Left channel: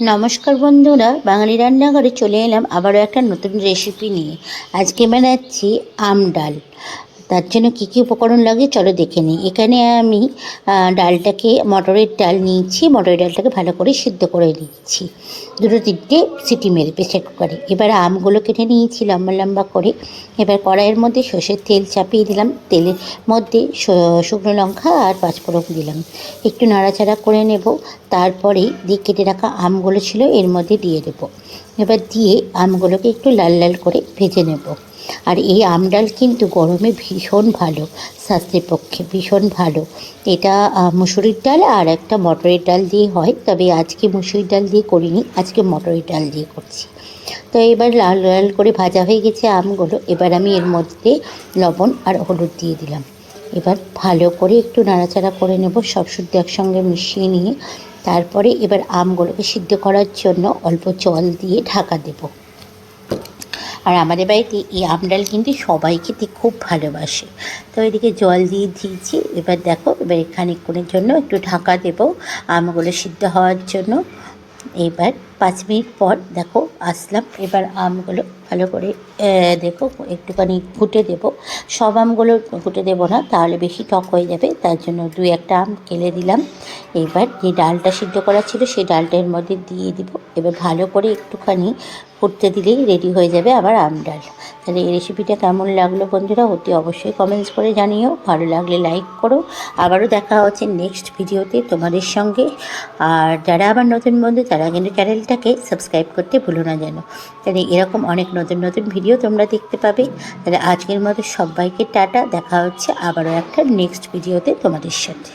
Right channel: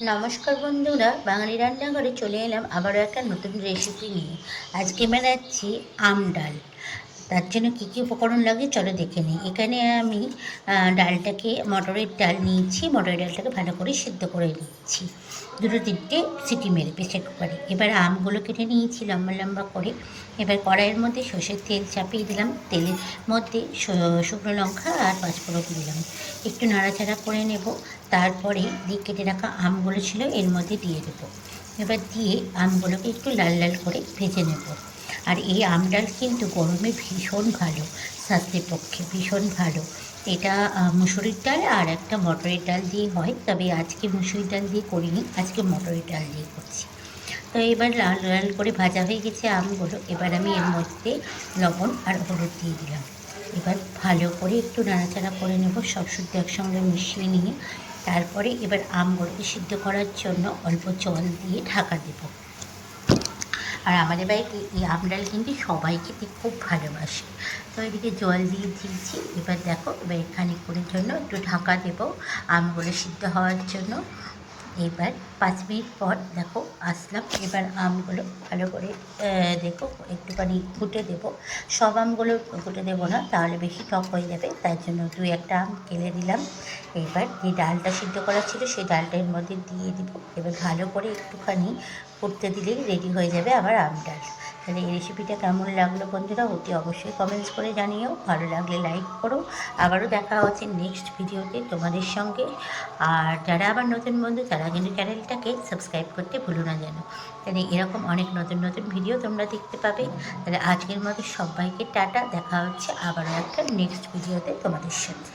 নমস্কার বন্ধুরা, বাঙালি রান্নাঘরে চলে এলাম আবারও একটা নতুন রেসিপি নিয়ে। আজকে বানাচ্ছি আম ডাল। তার জন্য কী কী উপকরণ লাগে চলো দেখে নিই। এখানে আমি ডালটাকে মটরের ডাল নিয়েছি, মটরের ডালটাকে ভালো করে সিদ্ধ করে নিচ্ছি, দুটো তিনটে সিটি মেরে প্রেসার কুকারে। এবার আমগুলো কেটে নিয়েছি লম্বা লম্বা করে। এবার কড়াইয়ের মধ্যে সর্ষের তেল চাপিয়ে দিলাম, তেলের মধ্যে শুকনো লঙ্কা আর পাঁচফোড়ন দিলাম, একটু নাড়াচাড়া করে নেব। তারপরে দিয়ে কেটে রাখা আমগুলো ছিল এর মধ্যে দিয়ে দেবো। এবার দিয়ে আমগুলোকে একটু লাল লাল করে ভেজে নেব। আর এই আম ডাল কিন্তু গরমে ভীষণ ভালো, স্বাস্থ্যের পক্ষে ভীষণ ভালো। এটা মুসুরির ডাল আর একটা মটরের ডাল দিয়ে হয়, তবে আজকে মুসুরির ডাল দিয়ে করিনি, আজকে মটরের ডাল দিয়ে করছি। তো এবার লাল লাল করে ভাজা হয়ে গেছে আমগুলো। এবার আমি এর মধ্যে লবণ আর হলুদ দিয়ে দিলাম। এবার ভালো করে একটু নাড়াচাড়া করে নেব, সব শুদ্ধ একসঙ্গে মিশিয়ে নিয়ে তারপরে এবার আমগুলোকে সিদ্ধ করার জন্য অল্প জল দিয়ে ঢাকা দেব। আর আমাদের বাড়িতে এই আম ডাল কিন্তু সবাই খেতে খুব ভালোবাসে। তো এদিকে জল দিয়ে দিয়েছি। এবার দেখো, এবার খানিকক্ষণের জন্য একটু ঢাকা দেব আমগুলো সিদ্ধ হওয়ার জন্য। এবার 5 মিনিট পর দেখো আসলাম। এবার আমগুলো ভালো করে দেখো একটুখানি ঘুটে দেব। সব আমগুলো ঘুটে দেবো না, তাহলে বেশি টক হয়ে যাবে, তার জন্য 2-1টা আম কেলে দিলাম। এবার যে ডালটা সিদ্ধ করা ছিল সেই ডালটা এর মধ্যে দিয়ে দিব। এবার ভালো করে একটুখানি ফুটতে দিলেই রেডি হয়ে যাবে আবার আম ডাল। তাহলে এই রেসিপিটা কেমন লাগলো বন্ধুরা অতি অবশ্যই কমেন্টস করে জানিও, ভালো লাগলে লাইক করো। আবারও দেখা হচ্ছে নেক্সট ভিডিওতে তোমাদের সঙ্গে। আর যারা আবার নতুন বন্ধু তারা কিন্তু চ্যানেলটাকে সাবস্ক্রাইব করতে ভুলো না যেন। তাহলে এরকম অনেক নতুন নতুন ভিডিও তোমরা দেখতে পাবে। তাহলে আজকের মতো সবাইকে টাটা, দেখা হচ্ছে আবারও একটা নেক্সট ভিডিওতে তোমাদের সাথে।